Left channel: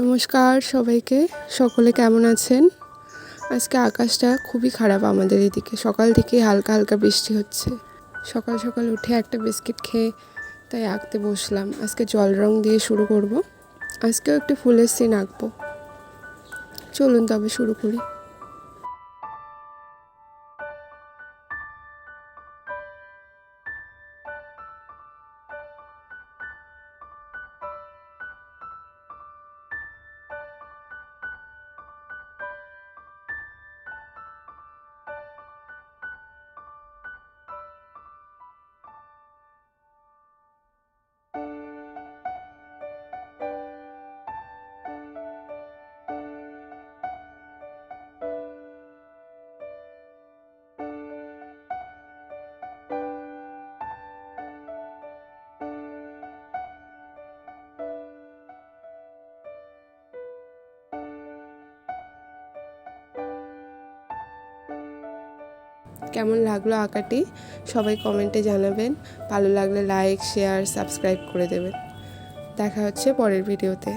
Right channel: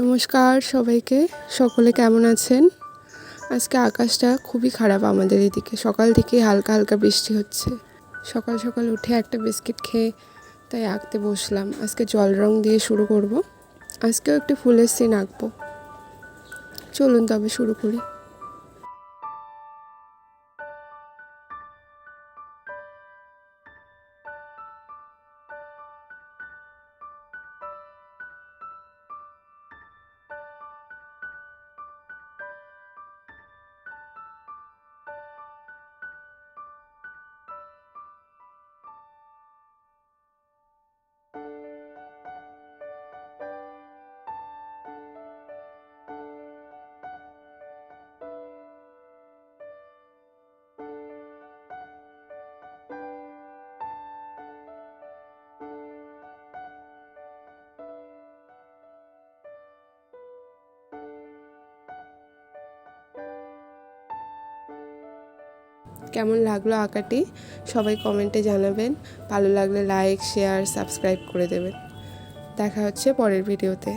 নমস্কার সবাইকে। সকলে কেমন আছেন? আজকে আকাশটা খুবই খারাপ আমাদের এদিকে। সকাল থেকে হালকা হালকা বৃষ্টি হচ্ছে। সকাল সকাল উঠে একটা বিস্কিট খেয়ে তাই আঁকতে বসলাম। আজকে জল রং দিয়ে শুরু করব। আজকেও একটি ফুলের সিন আঁকবো। চলুন তবে শুরু করি। কেমন লাগলো আঁকাটি সবাই কমেন্টে জানাবেন। ভালো লাগলে লাইক, শেয়ার, সাবস্ক্রাইব করে দেবেন। দেখা হচ্ছে পরের ভিডিওতে।